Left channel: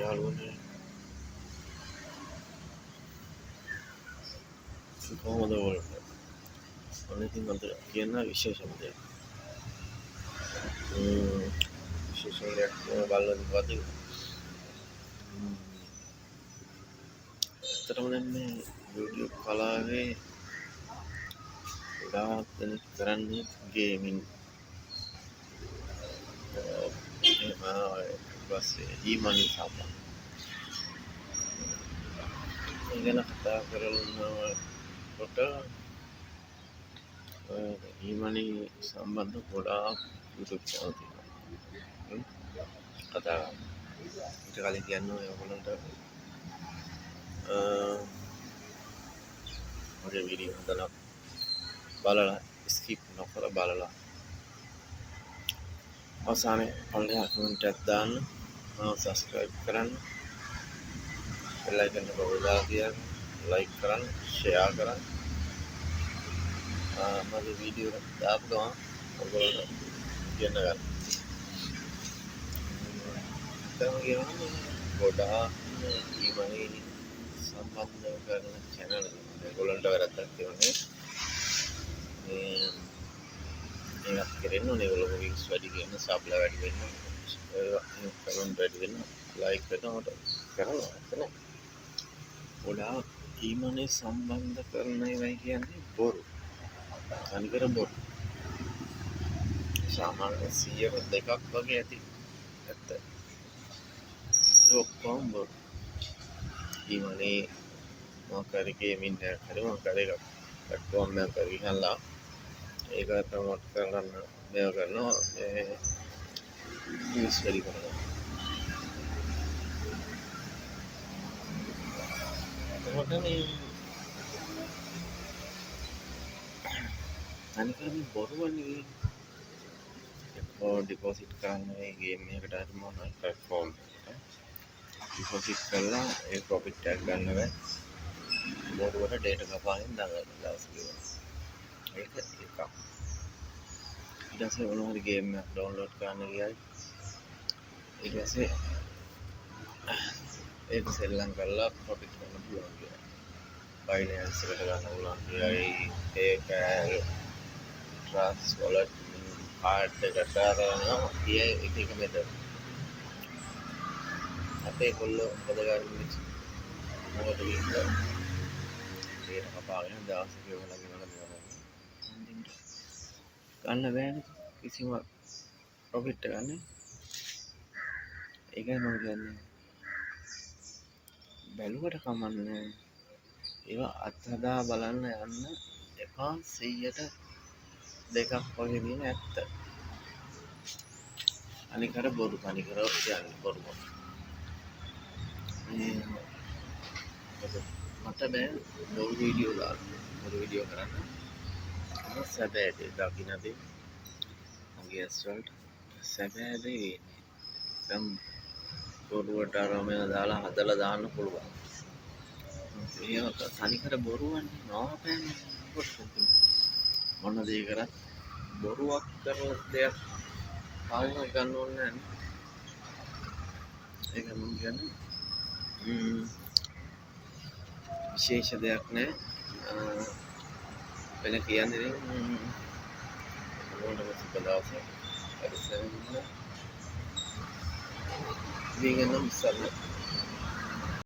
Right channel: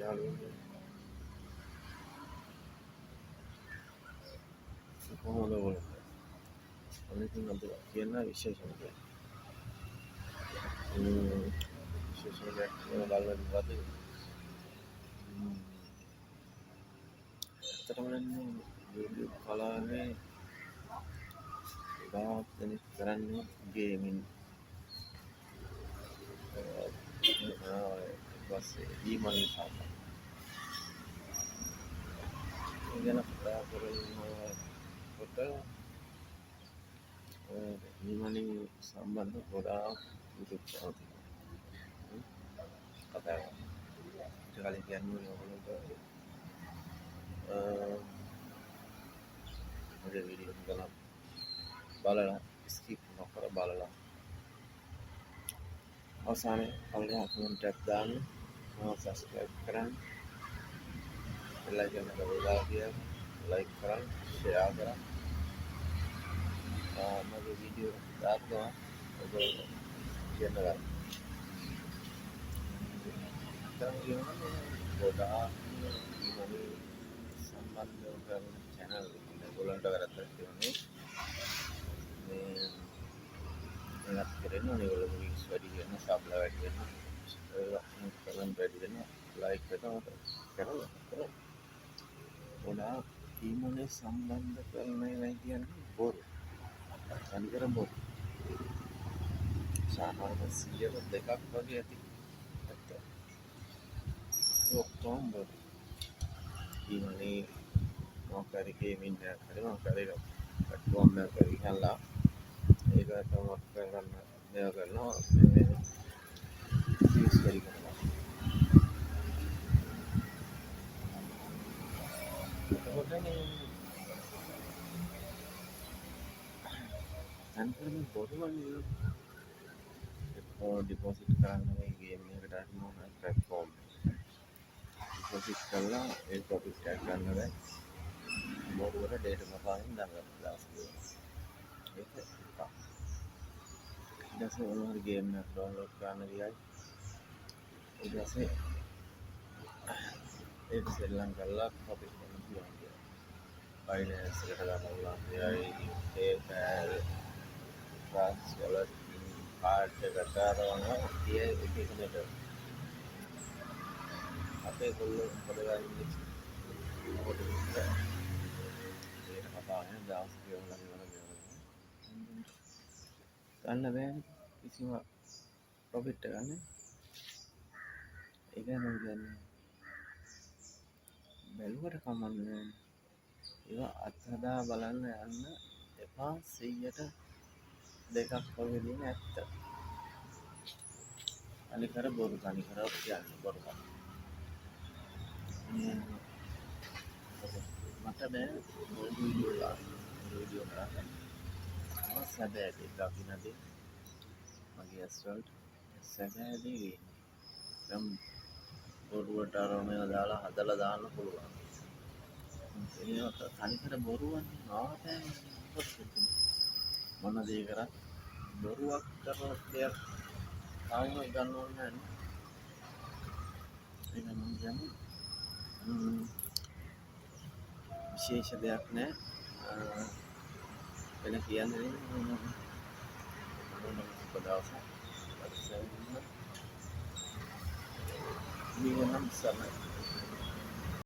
යාළුවනේ කොහොමද ඔයාලට? අනේ ඉතින් මට කියන්න විශේෂම දෙයක්. විශේෂයක් බලන්න ඉවද. ඇත්තටම මේ YouTube කලාවේ ගොඩාක් දෙනෙක් කරන්නේ ගේමින්. පස්සේ ඊමනි සම්බන්ධ. ඉගෙන කතා කරනකොට ඊමනි සම්බන්ධ ගොඩාක් YouTube channel තියෙනවා. කතා ඊට කලින් කියන්නේ ඔයගොල්ලන්ට මගේ වීඩියෝ හදලා බලලා ස්කිප් නොකර බලලා අවසානයේ පල්ලෙහා කමෙන්ට් එකක් දාන්න, සබස්ක්‍රයිබ් කරන්න, බෙල් අයිකන් එක ඔබලා තියන්න, ලයික් කරන්න, ෂෙයා කරන්න. මගේ වීඩියෝ එක දාපු ගමන් ඔයගොල්ලෝ කියන්න ගන්න. දැන් කියනවා ගොඩාක් ඊමනි සම්බන්ධව කරන channel ඔයගොල්ලන්ට වැරද්දක් කියන්නේ මේක කරන්න ඕනේ. ඔයගොල්ලෝ views වැඩි වෙන, subscribe වැඩි වෙන, comment වැඩි වෙන, like වෙනවට කරනවා නේද? ගොඩාක් ඊමනි සම්බන්ධ කරන ඒවා කියන්නේ බොරු. අනිකර බොරු. සාමාන්‍ය 100ක දෙකක් වගේ ඇති. ඇත්ත. ඔක්කොම බොරු. ඊමනි මොකරි ගේමින් කරේ මොකරි platform එකක් ගිහලා ඒක ප්‍රමෝට් කරන්න මේව කරනවා views වැඩි කරනවා. අනිකර මේ බොරුවන්නේ ඩිපොසිට් කරන්න මේ ගේම් එකකට හරි මොනවා platform ඩිපොසිට් කරලා ඒ ප්‍රොෆිට් එක ගන්න බෑ. බොරුවට ඩේටා කපාගෙන දාගන්න දවස් කිව්වා. ඒක එකක්. ඊට පස්සේ මොනවා හරි ගේම් එකක් ඩවුන්ලෝඩ් කරන්න ගියයි ඊට පස්සේ ඒක සෙල්ලම් කරලා ප්‍රොෆිට් ගන්න පුළුවන් කියලා. බයිනෑන්ස් එකට ගන්න පුළුවන් කියයි ඒක ට්‍රස්ට් වොලට් කාඩ් එකට කරනවා කියේ එක මෙතන. අපේ කොල්ලෝ මොකද කරන්නේ? මොකද විශ්ලා ඒක කපාගෙන දවස් ගෙවලා ගන්න බෑනේ කිසිම ප්‍රොෆිට් එකක් නැහැ. ඒකයි මම කියන්නේ බැලුවට කමන්නේ ඒවා අත්හදා බලන්න යන්න එපා. 100ට දෙකක් වගේ දින ඇත්ත. අනිකට බොරු තනිකර කියන්නේ බොරු. මට බෑ බොරු වීඩියෝ දාන්න. බොරු වීඩියෝ කරන්න. සැබෑ දේ දකින්නදී මගේ ඇස්වලට සැබෑ දේ වෙන්නේ. දැන් බොරුවට ආරාමය දාලා හදලා දාන්න පුළුවන්. ඒක තනිකර බොරුවන්නේ නෝපෑන්නේ. මොන දේ කරත් බොරුවක් කරන දෙයක් පාලනය ගන්න ඕනේ නැහැ. ඒක මම කියන්නේ විශේෂ දෙයක් නෑ. වෙන කියන්නේ මොනවද සුබදාසයක්. හරි සෙන්න්න. මේක නම් සල්ල